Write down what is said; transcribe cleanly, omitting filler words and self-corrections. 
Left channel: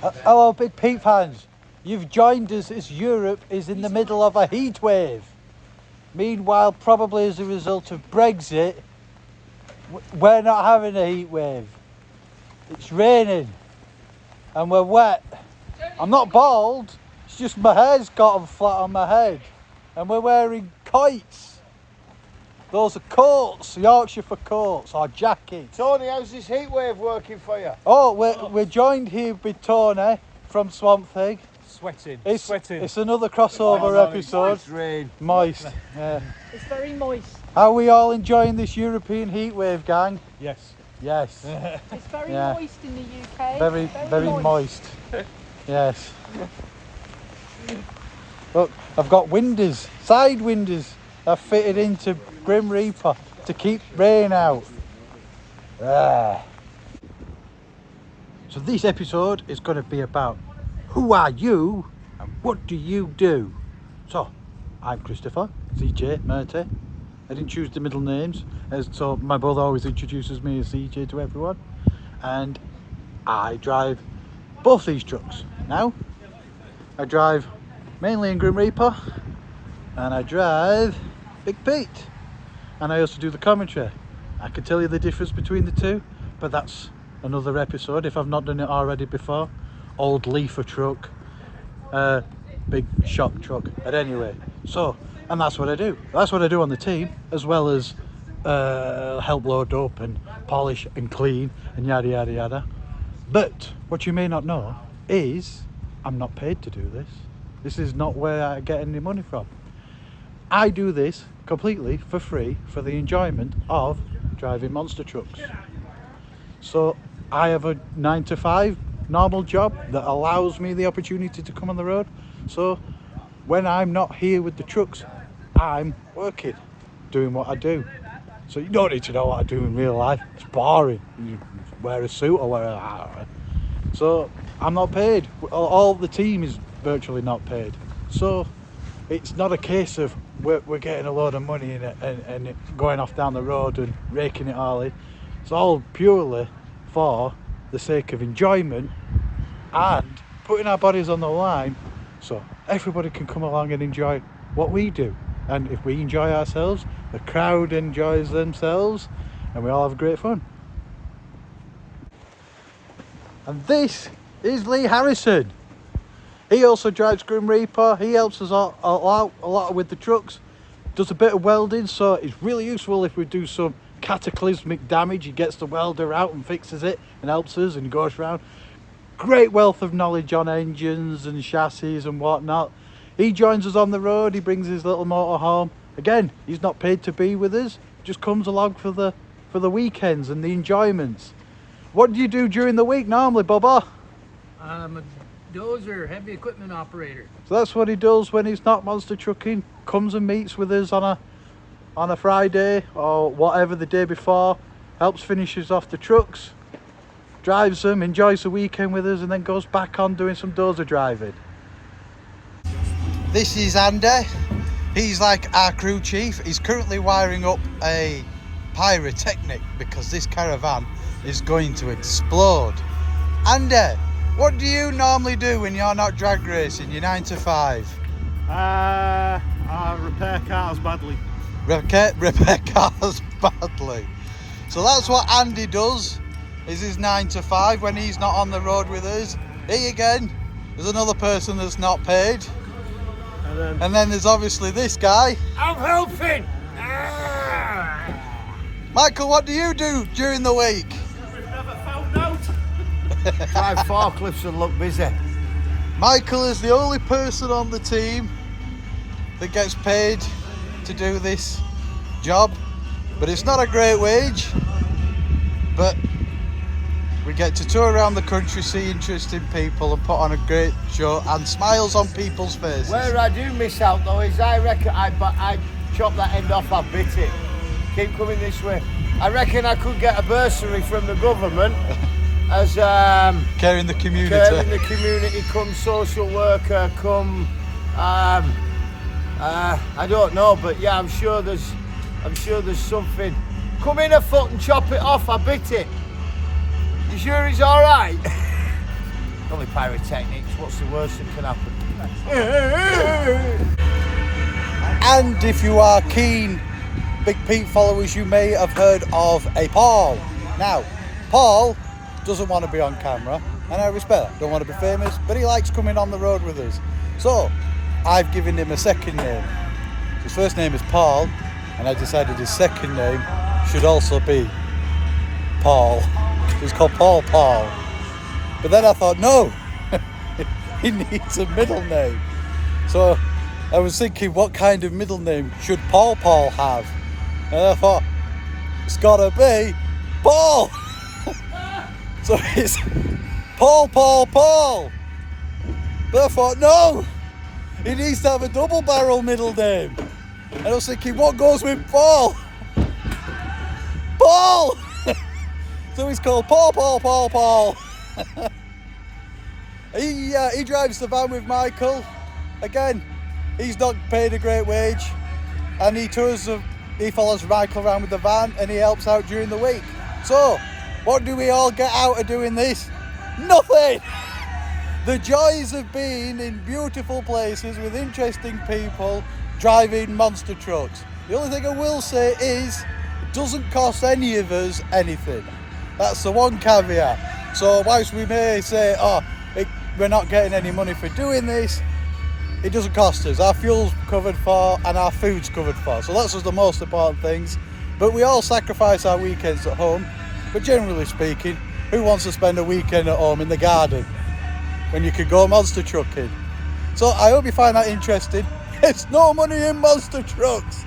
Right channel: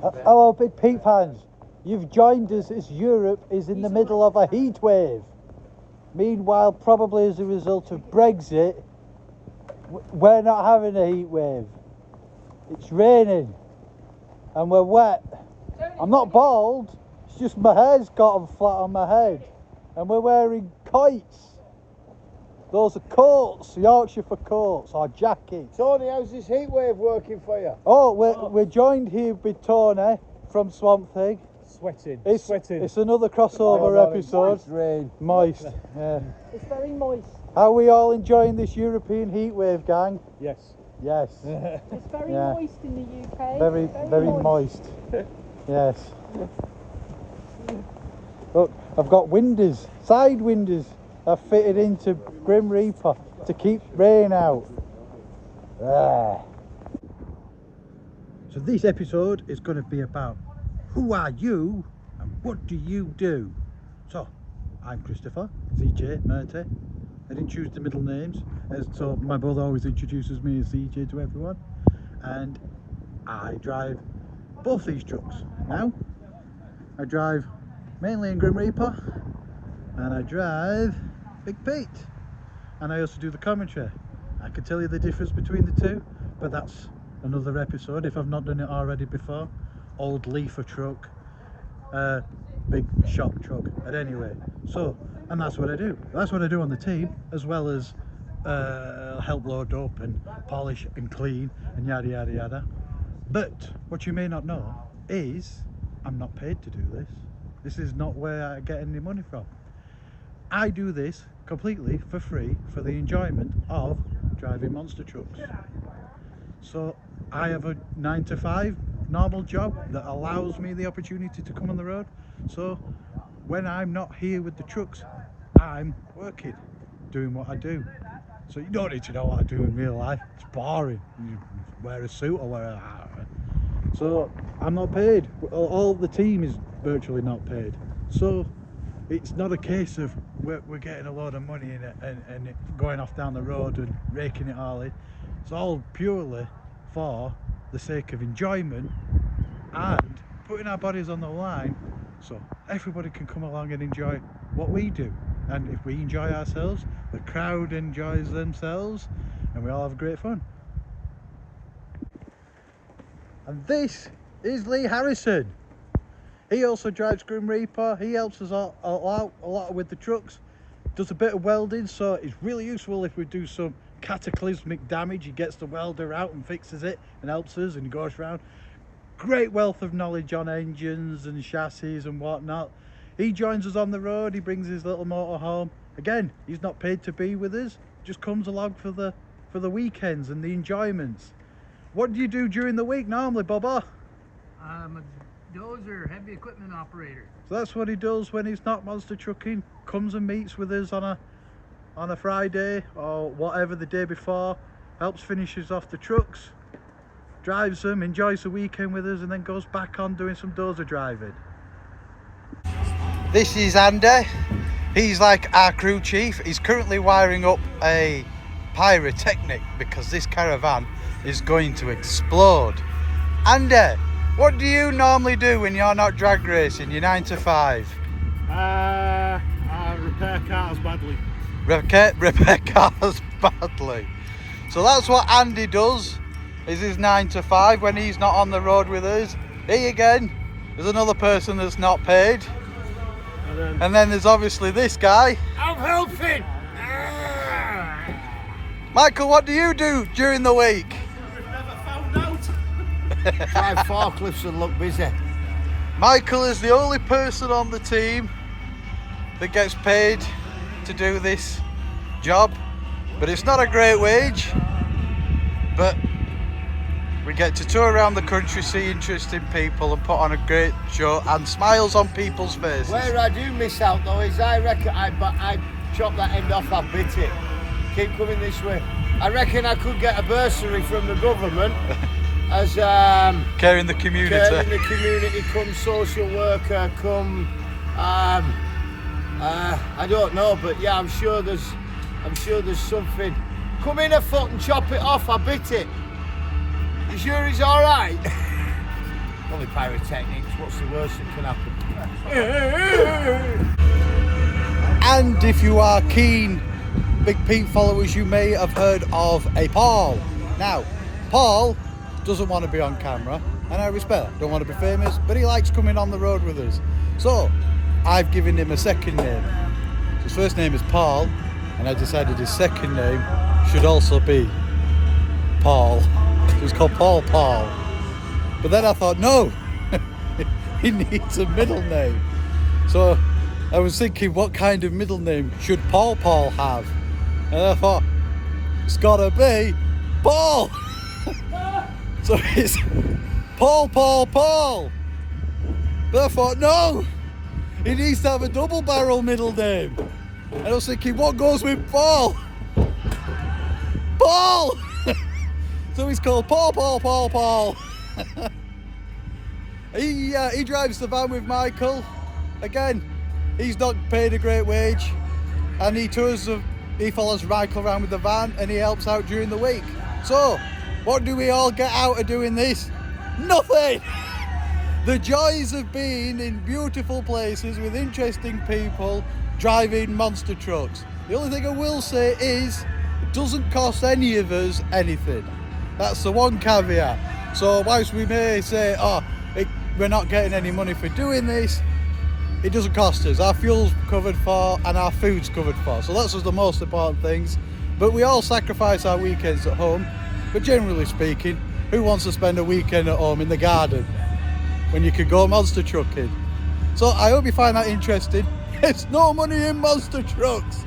Hello, Big Pete fans. You've joined us as Europe is in the middle of a heat wave. Meanwhile, probably as a result of Brexit, we're not having a heat wave. It's raining and we're wet. I'm not bald, it's just my hair's gotten flat on my head. And we're wearing kites. Those are coats, Yorkshire for coats or jackets. Tony, how's this heat wave working for you? Oh, we're joined here with Tony from Swamp Thing. Sweating. It's another crossover episode. It's rain. Moist. Yeah. It's very moist. Are we all enjoying this European heat wave, gang? Yes. Yes. It's very Yeah. moist in the UK. Very moist. Yes. Look, I've got windows, side windows. I've fitted into Grim Reaper to keep rain out. Ah. So this episode is going to be about who are you and what do you do? So, I'm Christopher, ZJ, Murty. I didn't choose the middle names, so my brother always introduces me as ZJ to everyone. And I drive both these trucks. Now, I drive mainly in Grim Reaper, and I drive Big Pete. And I also do the commentary. I can tell you the difference between the two, but that's another episode if I've not done it already before. Old Leafer truck, big shop truck. But anyway, so, and that's what I do. That's what I do on the team, as well as help load up and polish and clean and yada yada yada. But what you may not know is I'm not paid to do this. This is not where I get any money from. I do this completely for free for the enjoyment of driving monster trucks. So I have a 9 to 5 normal job that allows me the opportunity to come on the road. So when I'm not here with the trucks, I'm working, doing what I do. So you don't need to know what I do in real life. It's boring. You wear a suit or wear a... So I'm not paid. All the team is virtually not paid. So it's not a case of we're getting a load of money in it and it going off down the road and raking it all in. It's all purely for the sake of enjoyment and putting our bodies on the line so everybody can come along and enjoy what we do. And if we enjoy ourselves, the crowd enjoys themselves and we all have great fun. And this is Lee Harrison. He also drives Grim Reaper. He helps us a lot with the trucks. Does a bit of welding, so it's really useful if we do some cataclysmic damage. He gets the welder out and fixes it and helps us and goes around. Great wealth of knowledge on engines and chassis and whatnot. He joins us on the road. He brings his little motor home. Again, he's not paid to be with us. Just comes along for the weekends and the enjoyments. What do you do during the week normally, Bubba? I'm a dozer, heavy equipment operator. So that's what he does when he's not monster trucking. Comes and meets with us on a Friday or whatever the day before. Helps finishes off the trucks, drives them, enjoys the weekend with us, and then goes back on doing some dozer driving. This is Andy. He's like our crew chief. He's currently wiring up a pyrotechnic because this caravan is going to explode. Andy, what do you normally do when you're not drag racing, your 9 to 5? I repair cars badly. Repair cars badly. So that's what Andy does, is his 9 to 5 when he's not on the road with us. He again, there's another person that's not paid. And then there's obviously this guy. I'm helping! Michael, what do you do during the week? We've never found out. Drive forklifts and look busy. Michael is the only person on the team that gets paid to do this job, but it's not a great wage, but we get to tour around the country, see interesting people and put on a great show and smiles on people's faces. Where I do miss out though is I reckon I chop that end off, I bit it. Keep coming this way. I reckon I could get a bursary from the government as caring the community. Caring the community, come social worker, come I don't know, but yeah, I'm sure there's something. Come in a foot and chop it off, I bit it. You sure it's alright? Only pyrotechnics. What's the worst that can happen? And if you are keen Big Pete followers, you may have heard of a Paul. Now, Paul doesn't want to be on camera, and I respect that. Don't want to be famous, but he likes coming on the road with us. So, I've given him a second name. His first name is Paul, and I decided his second name should also be Paul. It's called Paul. But then I thought, no, he needs a middle name. So I was thinking, what kind of middle name should Paul have? And I thought, it's gotta be Paul. So it's Paul. But I thought, no, he needs to have a double barrel middle name. And I was thinking, what goes with Paul? Paul! So he's called Paul. He drives the van with Michael. Again, he's not paid a great wage, and he follows Michael around with the van, and he helps out during the week. So, what do we all get out of doing this? Nothing! The joys of being in beautiful places with interesting people driving monster trucks. The only thing I will say is, it doesn't cost any of us anything. That's the one caveat. So whilst we may say, we're not getting any money for doing this, it doesn't cost us. Our fuel's covered for and our food's covered for. So that's just the most important things. But we all sacrifice our weekends at home. But generally speaking, who wants to spend a weekend at home in the garden when you could go monster trucking? So I hope you find that interesting. It's no money in monster trucks.